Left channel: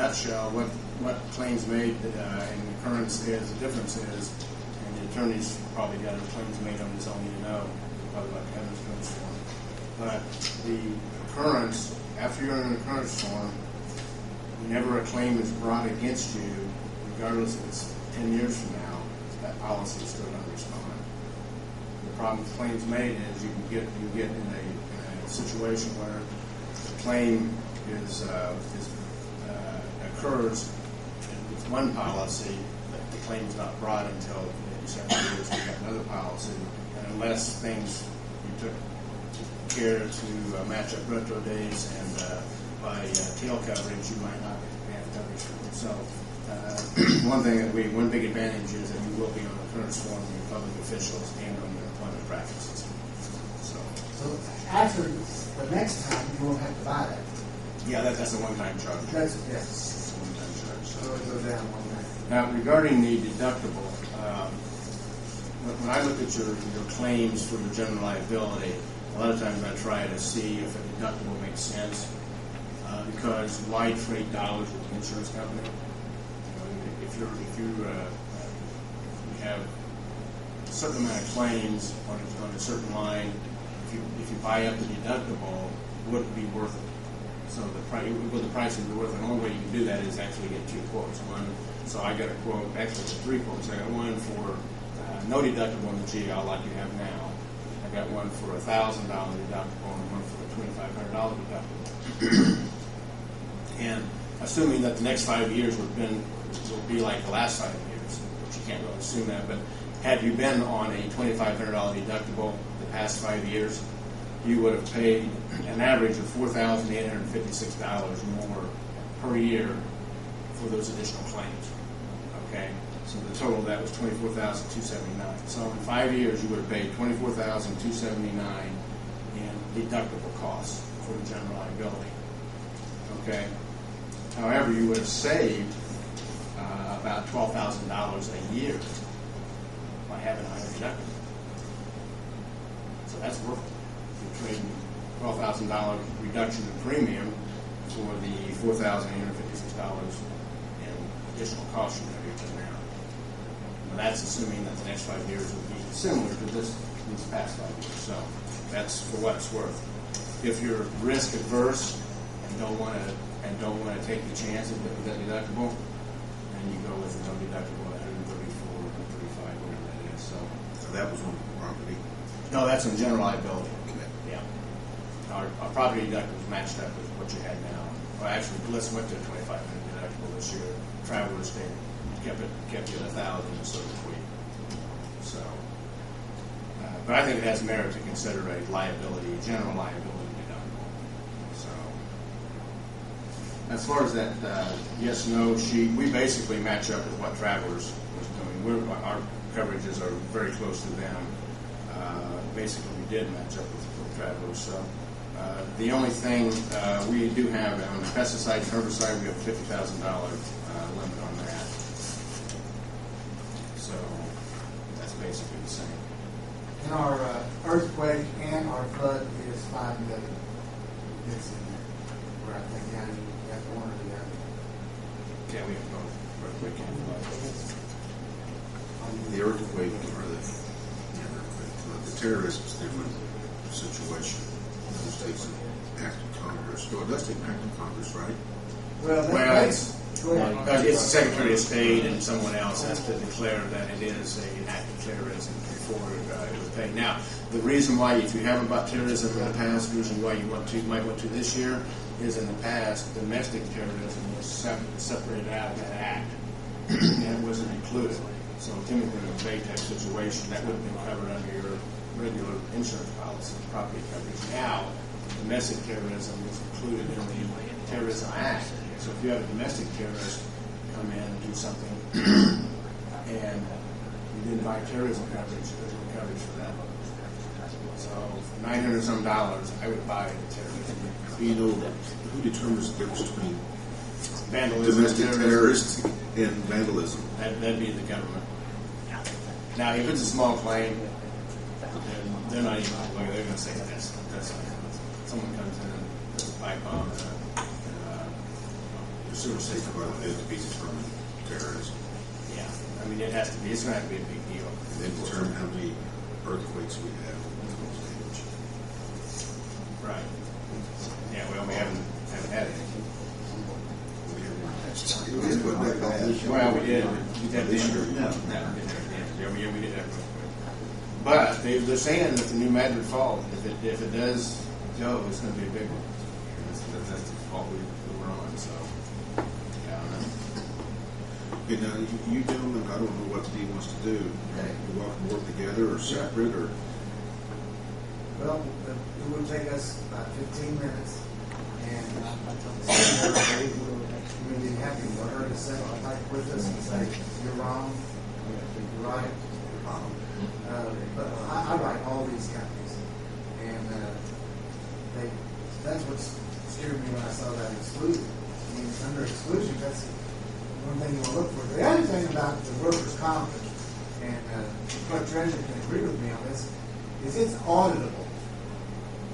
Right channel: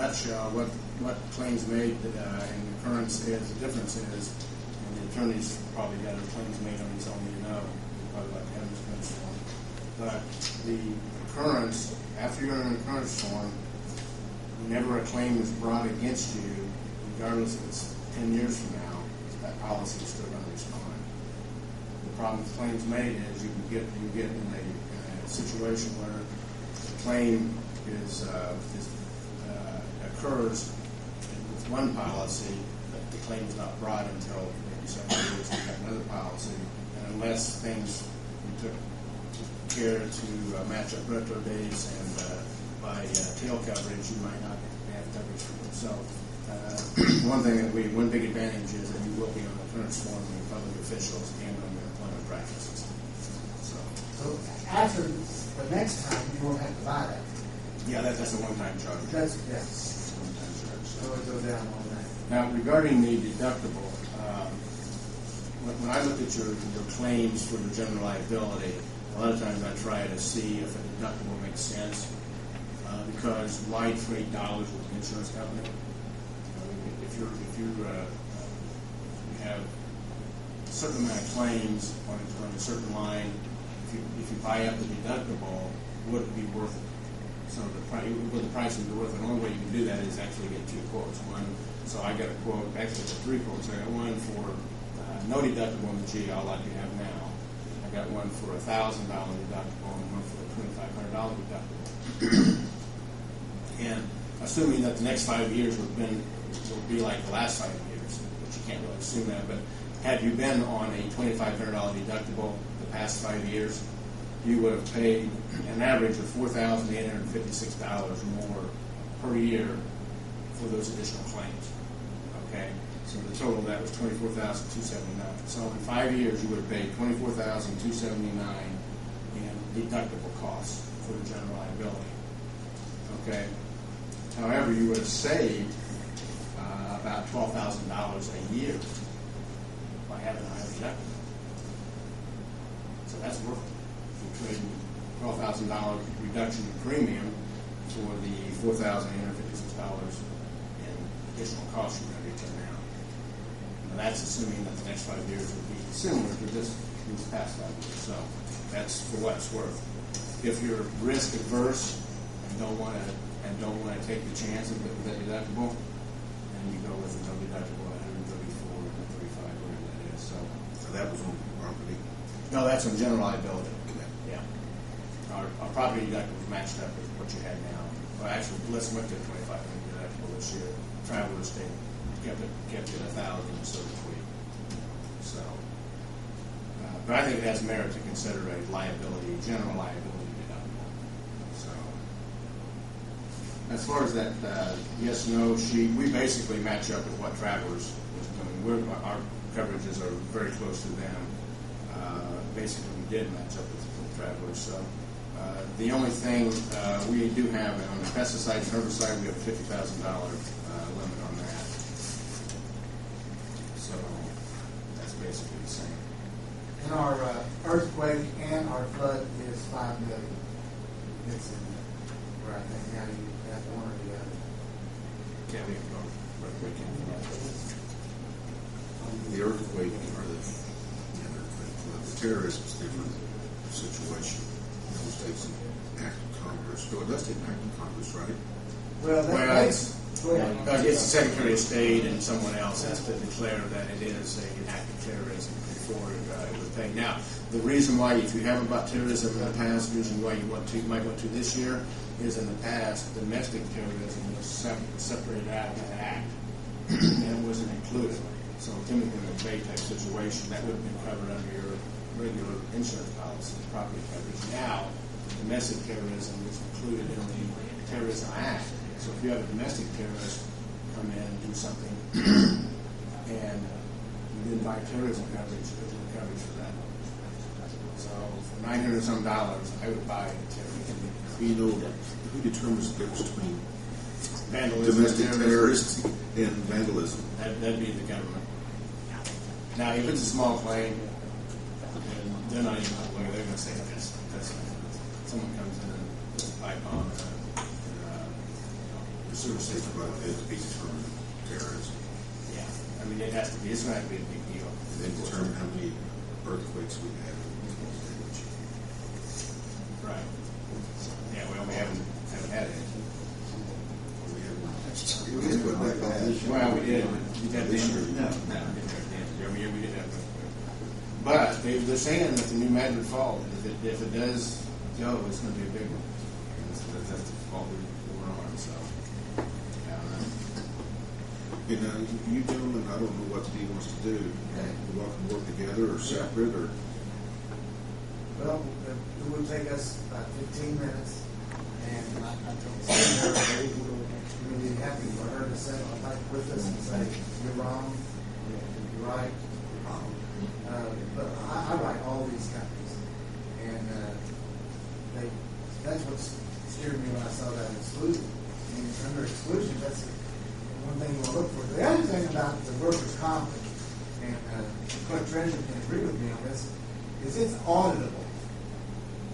nutshell, what claims made and occurrence is, the difference is, and the attorney's probably got a claims made on his own, probably like to have an occurrence form. But the occurrence, after you're in an occurrence form, whenever a claim is brought against you, regardless if it's 10 years from now, that policy is still going to respond. The problem with claims made is you can get in a situation where the claim occurs with one policy, but the claim is not brought until maybe 7 years. You've got another policy, and unless you took care to match up retro dates and by tail coverage, you might not have coverage for it. So one big advantage is that you will be on the occurrence form with your public officials and on your employment practices. So after the next time, you won't have to buy that. Yeah, that's a one-time charge. Yes. It's a one-time charge. So it goes down one night. Now, regarding the deductible, when I look at your claims for your general liability, a lot of times I try to see if a deductible makes sense, because why trade dollars with the insurance company? If you have a certain amount of claims on a certain line, if you buy up the deductible, would it be worth it? So the price would be worth it. The only way you can do that is actually get two quotes. So I got a quote, actually three quotes. I got one for no deductible in the GL like you have now. I got one for $1,000 deductible and one for a $2,500 deductible. And assuming that the next 5 years will be like the last 5 years, which you can't really assume that, but had you been on a $2,500 deductible the past 5 years, you would have paid an average of $4,856 more per year for those additional claims. Okay, so the total of that was $24,279. So in 5 years, you would have paid $24,279 in deductible costs for the general liability. Okay, however, you would have saved about $12,000 a year by having a higher deductible. So that's worth it. You're trading $12,000 reduction in premium for the $4,856 in additional costs you're going to be putting out. Now that's assuming that the next 5 years would be similar to these past 5 years. So that's for what it's worth. If you're risk adverse and don't want to take the chance of that deductible, then you go with no deductible at 134 or 135, whatever that is. So that was on property? No, that's on general liability. Okay. Yeah. Our property deductible was matched up with what you had now. Well, actually, Bliss went to a $2,500 deductible this year. Travelers stayed, kept you at $1,000 instead of $3,000. So, but I think it has merit to consider a general liability deductible. So, as far as that yes/no sheet, we basically match up with what Travelers was doing. Our coverages are very close to them. Basically, we did match up with Travelers. So, the only thing we do have on the pesticides and herbicide, we have a $50,000 limit on that. So, that's basically the same. And our earthquake and our flood is $5 million. It's in there. Where I think now you have one or the other. Yeah, we have both earthquake and flood. The earthquake or the terrorist is a different situation. It takes an act of Congress. So it does take an act of Congress, right? It's the Secretary of State and someone else has to declare that it is an act of terrorism before it would pay. Now, the reason why, if you haven't bought terrorism in the past, the reason why you might want to this year is in the past, domestic terrorism was separated out of that act and it wasn't included. So, Timothy, in a VATEC situation, that would have been covered under your regular insurance policy, property coverage. Now, domestic terrorism is included in the Terrorism Act. So if you have a domestic terrorist come in and do something and you didn't buy terrorism coverage, there's no coverage for that. So for $900 I would buy a terrorism. You know, who determines the difference between vandalism, domestic terrorists and vandalism? That'd be the government. Now, if it's a small claim, they're not even they're going to say that's someone comes in and puts a pipe bomb sewer It's system. about it to be determined terrorism. Yeah, I mean, it has to be, it's gonna have to be a big deal. And then determine how many earthquakes we have with most damage. Right. Yeah, well, we haven't had any. We have one. It wasn't that bad. Well, we did have This Denver. year. No, we didn't have Denver. Yeah, we did have earthquake. But they're saying that the new Madrid Fault, if it does go, it's gonna be a big one. That's the fault we're on, so, I don't know. You know, you gentlemen, I don't know what Steve wants to do. You're welcome to work together or separate or. Well, it would take us about 15 minutes, and I told Sarah, we would be happy for her to sit like with us and say, you're wrong, you're right, you're wrong. But I write all these companies, and that's what scared me when I saw that exclusion. I mean, under exclusion, that's one thing you want to look for. The other thing about the workers' comp, and the clerk treasurer can agree with me on this, is it's auditable.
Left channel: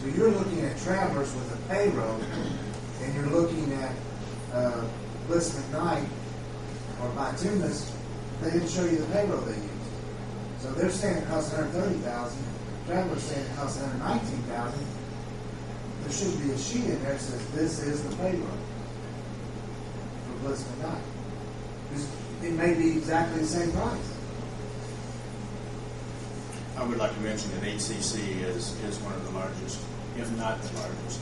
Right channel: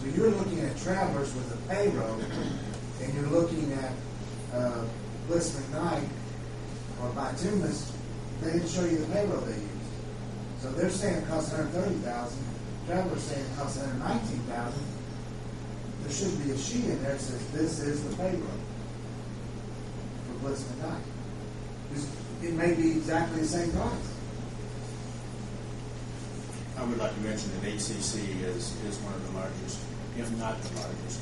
So you're looking at Travelers with a payroll, and you're looking at Bliss McKnight or Bituminous. They didn't show you the payroll they used. So they're saying it costs $130,000. Travelers saying it costs $119,000. There should be a sheet in there that says this is the payroll for Bliss McKnight. It may be exactly the same price. I would like to mention that HCC is one of the largest, if not the largest,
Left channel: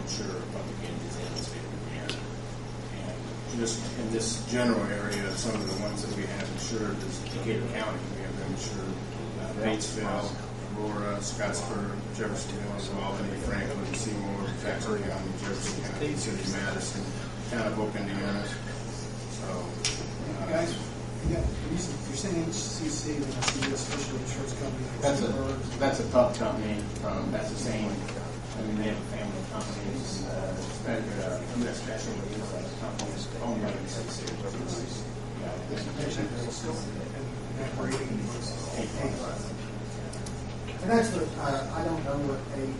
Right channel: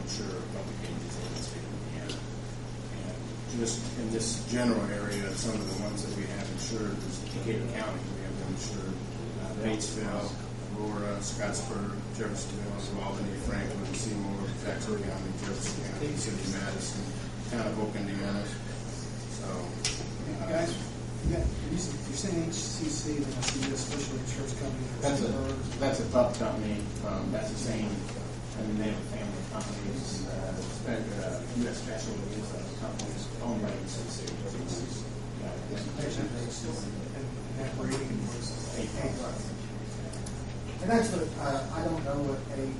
insurer of public entities in the state of Indiana. And just in this general area, some of the ones that we have insured is Decatur County. We have them insured Batesville, Aurora, Scottsburg, Jeffersonville, Albany, Franklin, Seymour, Jackson County, Jefferson County, City of Madison, Town of Oak, Indiana. So, Guys, you're saying HCC, then that's the U.S. Special Insurance Company. that's a tough company. That's the same. I mean, they have a family of companies. U.S. Special is a company owned by HCC. And that rating was A+. And that's what, I don't know what AIE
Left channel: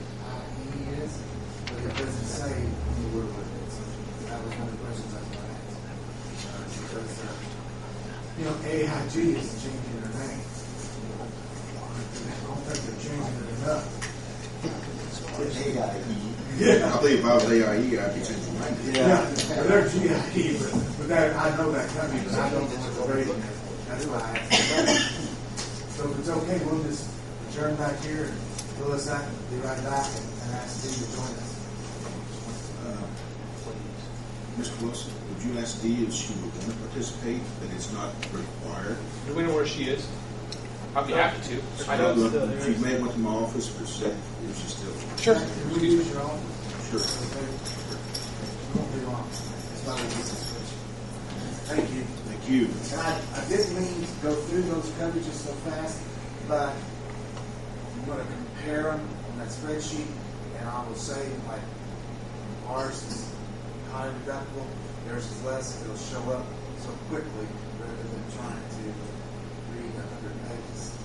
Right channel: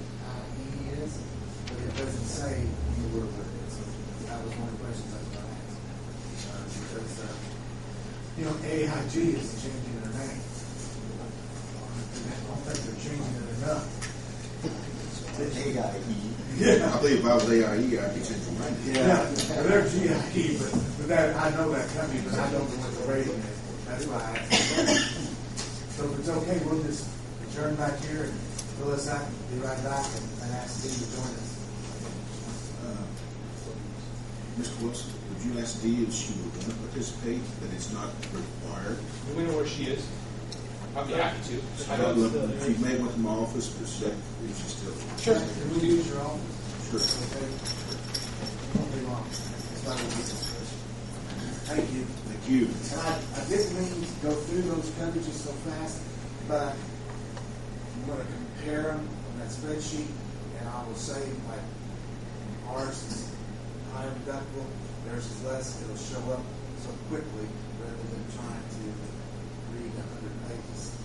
is, but it doesn't say anywhere what it is. That was one of the questions I was going to ask. Because, AIG is changing their name. I don't think they're changing it enough. I believe if I was AIE, I'd be changing my name. Yeah, they're GIE, but that, I know that company, but I don't know what the rating is. That's why I asked. So if it's okay, we'll just adjourn back here and fill us out and be right back and ask Steve to join us. Mr. Wilson, would you ask Dee if she would want to participate, that it's not required? Do we know where she is? I'd be happy to. I know. Look, she may want to my office, but if she's still. Sure. Can we use your office? Sure. Okay. It won't be long. It's not a big discussion. Thank you. Thank you. And I didn't mean to go through those coverages so fast, but I'm going to compare them on that spreadsheet, and I will say, like, ours is high deductible, theirs is less. It'll show up so quickly rather than trying to read 100 pages.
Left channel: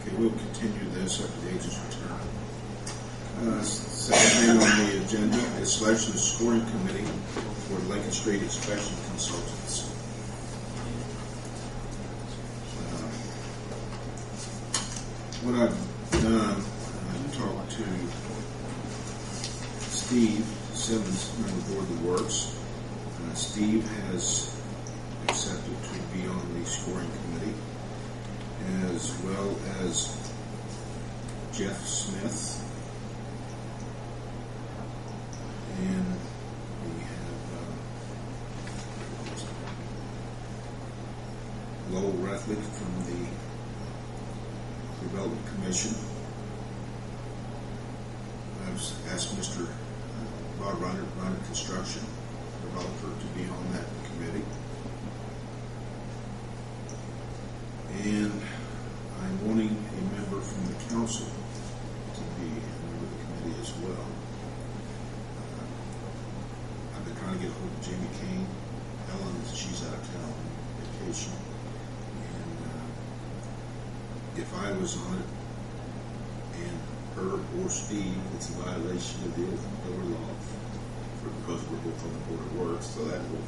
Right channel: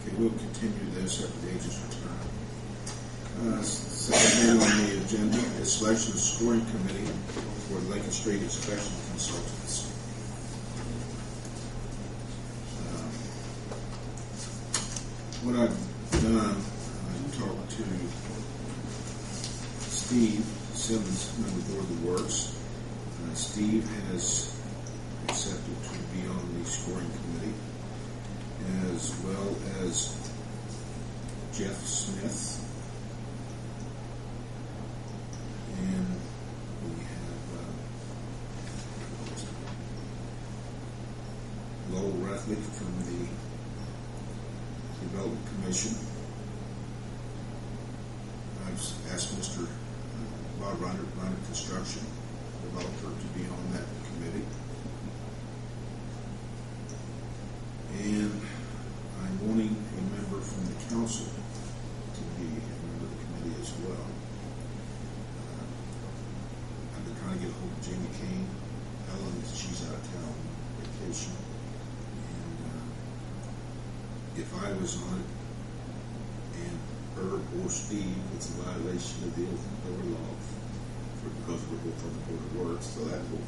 Okay, we'll continue this after the agent's return. Second thing on the agenda is selection of scoring committee for Lincoln Street Inspection Consultants. What I've done, I've talked to Steve Simmons, member of the Board that works. Steve has accepted to be on the scoring committee, as well as Jeff Smith. And we have Lowell Rethlick from the Development Commission. I've asked Mr. Bob Reiner Construction Developer to be on that committee. And I'm wanting a member from the council to be a member of the committee as well. I've been trying to get a hold of Jamie Kane. Helen, she's out of town on vacation. And if I was on it, and her or Steve, it's a violation of the open door law. because we're both on the Board of Works, so that will